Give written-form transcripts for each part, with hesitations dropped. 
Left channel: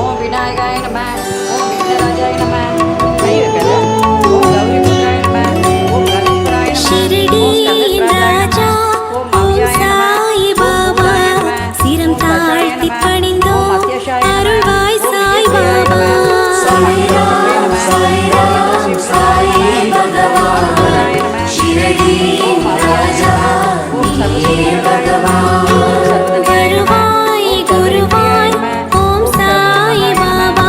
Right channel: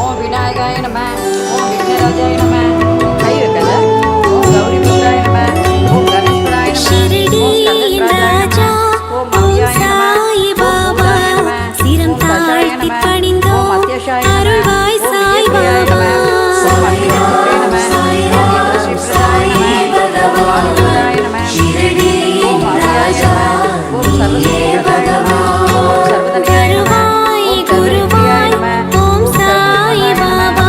ஓம் விநாயகாய நம. ஓம் விக்னராஜாய நம. கை வைக்கல. ஓம் கௌரி புத்திராய நம. ஓம் கணேஸ்வராய நம. ஓம் கந்தராஜாய நம. ஓம் மவ்யாய நம. சிரம் தாழ்த்தி பணிந்தோம் அருள்வாய் சாய் பாபா. ஓம் அக்னிபுத்ரே நம. ஓம் இந்திரஸ்ரீபிரதாய நம. ஓம் வாணிபுராய நம. ஓம் ஆதியாய நம. ஓம் சர்வசக்திபிரதாய நம. ஓம் சர்வதனியாய நம. குருவாய் ஓம் சாய் பாபா.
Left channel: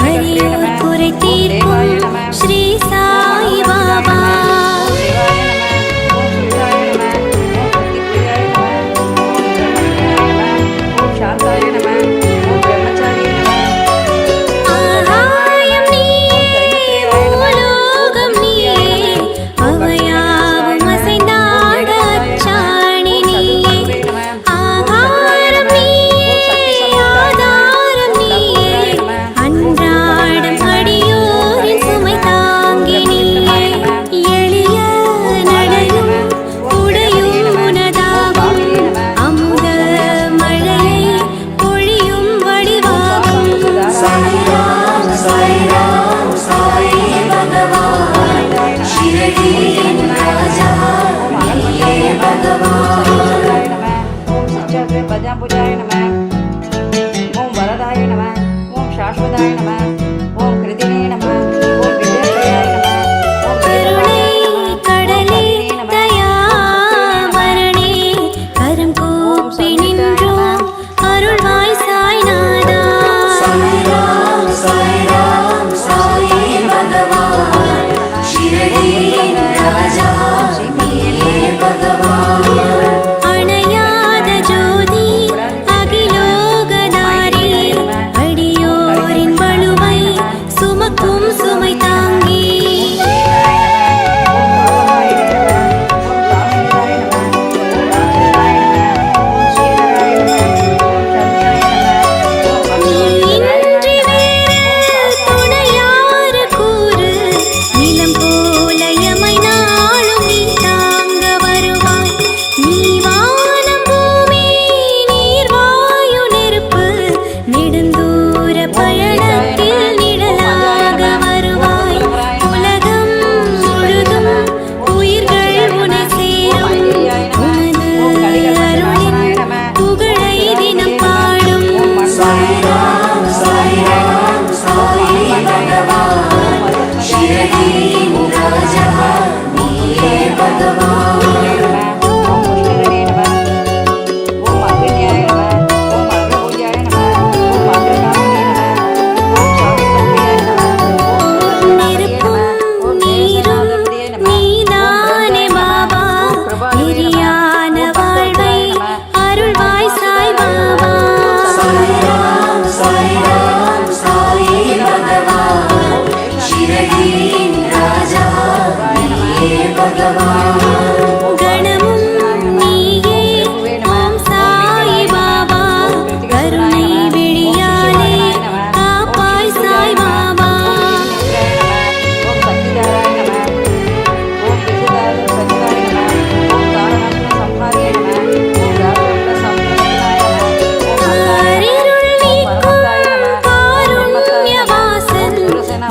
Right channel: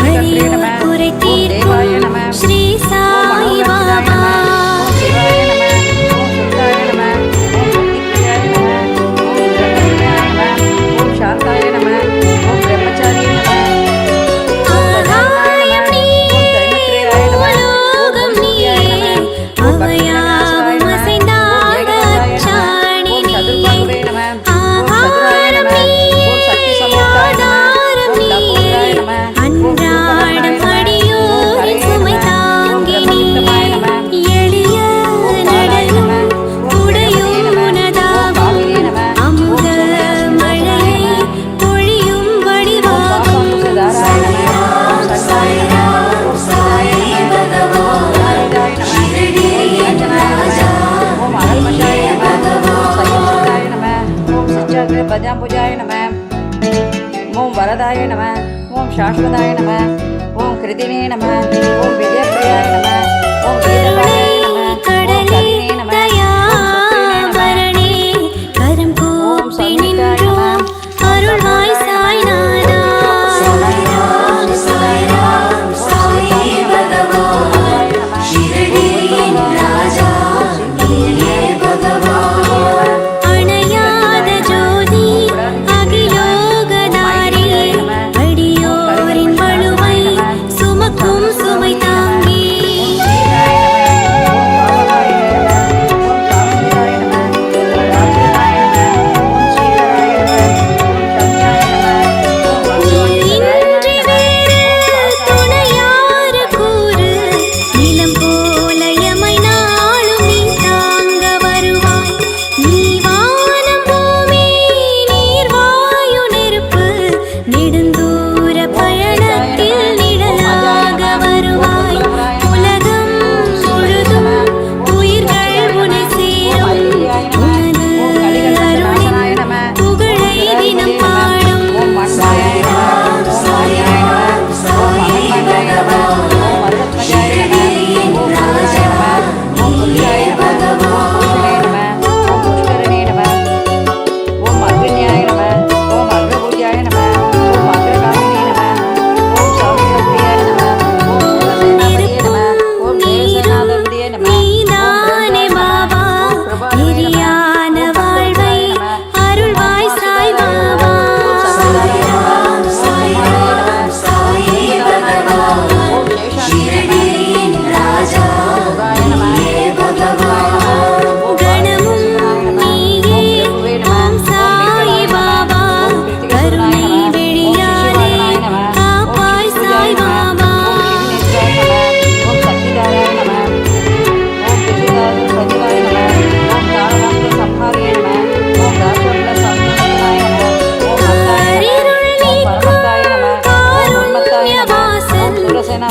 வலியோர் குறை தீர்க்கும் ஸ்ரீ சாய் பாபா. ஓம் சிவாய நம. ஓம் சுத்தாய நம. ஓம் பிரதிப்ரியாய நம. ஓம் பிரம்மவித்யாய நம. ஓம் சாந்தாய நம. ஓம் பிரம்மச்சாரியே நம. ஆகாயம் நீயே பூலோகம் நீயே அவையாவும் அசைந்தாட அச்சாணி நீயே. ஆகாரம் நீயே ஆதாரம் நீயே அன்றாடம் அடியோரின் சுமை தாங்கி நீயே. எளிய நடையும் உடையும் உனதாகும் அமுத மழையை பொழியும் வடிவாகும். பஜாம்புஜாய நம. ஓம் வரதாய நம. ஓம் சாஸ்வதாய நம. ஓம் கிருதினே நம. ஓம் விஜயப்பிரியாய நம. ஓம் கருணை கடலே தயாபரணே கரம் கூப்பி நின்றோம் அருள்வாய் சாய்நாதா. அணையாத ஜோதி அகிலோகதாரி அடியோரின் வலுவை சுமக்கும் சுமை தாங்கி. இன்றி வேறு துணையாறு கூறு நிலம் போல எமை நாளும் நீ தாங்க வருவாய். நீ வானம் பூமி நீர் வாயு நெருப்பு நெடுந்தூர பயணத்தில் நிழலாக வருவாய். உலகம் முழுதும் உயிர்கள் உனை சேரும் உனது அருளின் புகழை தினம் பாடும். நெருப்பும் நீரும் நீதானே பாபா. நெறியான வாழ்வை அருள்வாய் சாய் பாபா. கணமும் நீயே ஓம் சாய் பாபா. கருணை விழியாலே காப்பாய் சாய் பாபா. ஓம் சக்திதாராய நம. ஓம் பிரதிதாராய நம. ஓம் தாரகாசுர சம்ஹாரியே நம. ஓம் ராஜோபல சம்ஹாராய நம. ஓம் காரிருள் நீக்கும் காருண்யவாசன்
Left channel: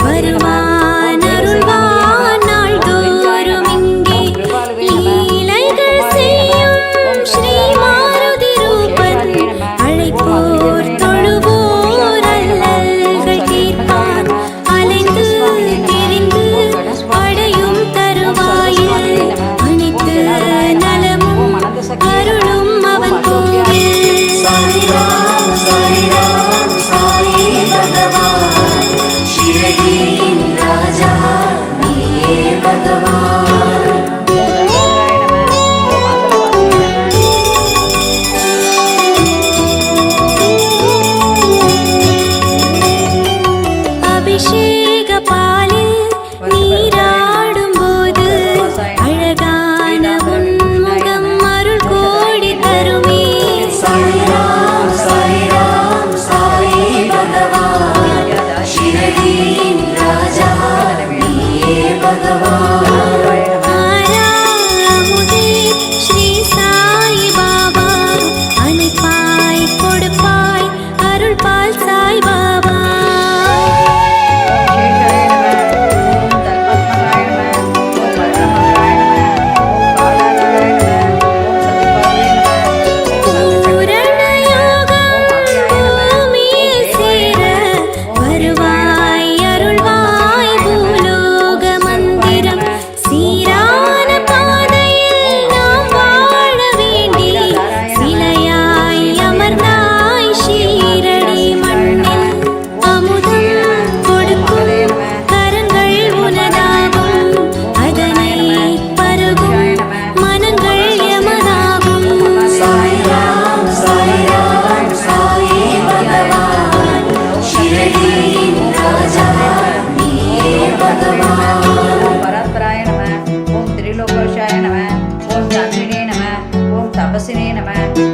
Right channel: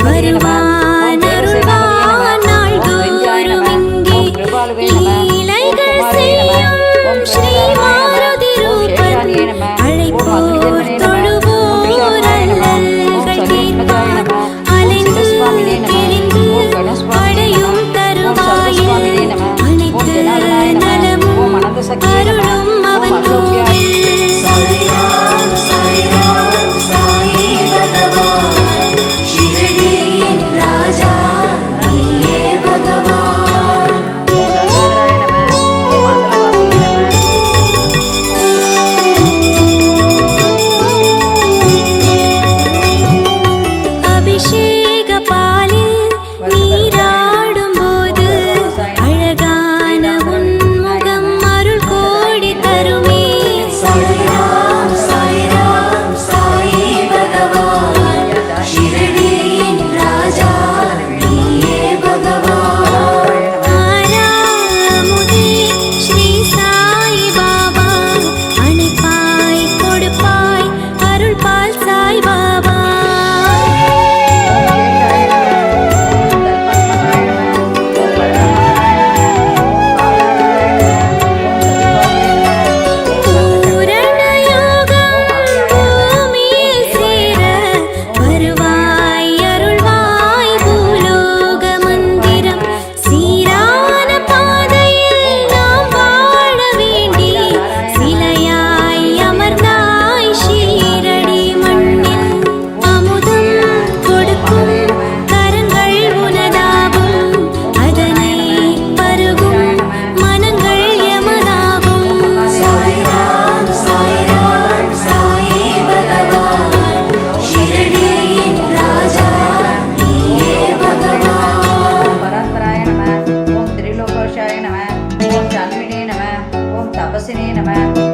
வருவான் அருள்வான் நாள்தோறும் இங்கே. லீலைகள் செய்யும் ஸ்ரீ மாருதி ரூபன் அழைப்போர் தொழுவோர் அல்லல்கள் தீர்ப்பான். அலைந்து திரிந்து அடையும் தருவாயில் அனைத்து நலமும் அருளும் அவன் கோவில். அபிஷேக பாலில் நீராடும் போது அழகான உன்முகம் அருள் கோடி தருமே. ஆறாமுதே ஸ்ரீ சாய் பாபா அணைப்பாய் கொடுப்பாய் அருள் பால் சாய் பாபா. வாசினே நம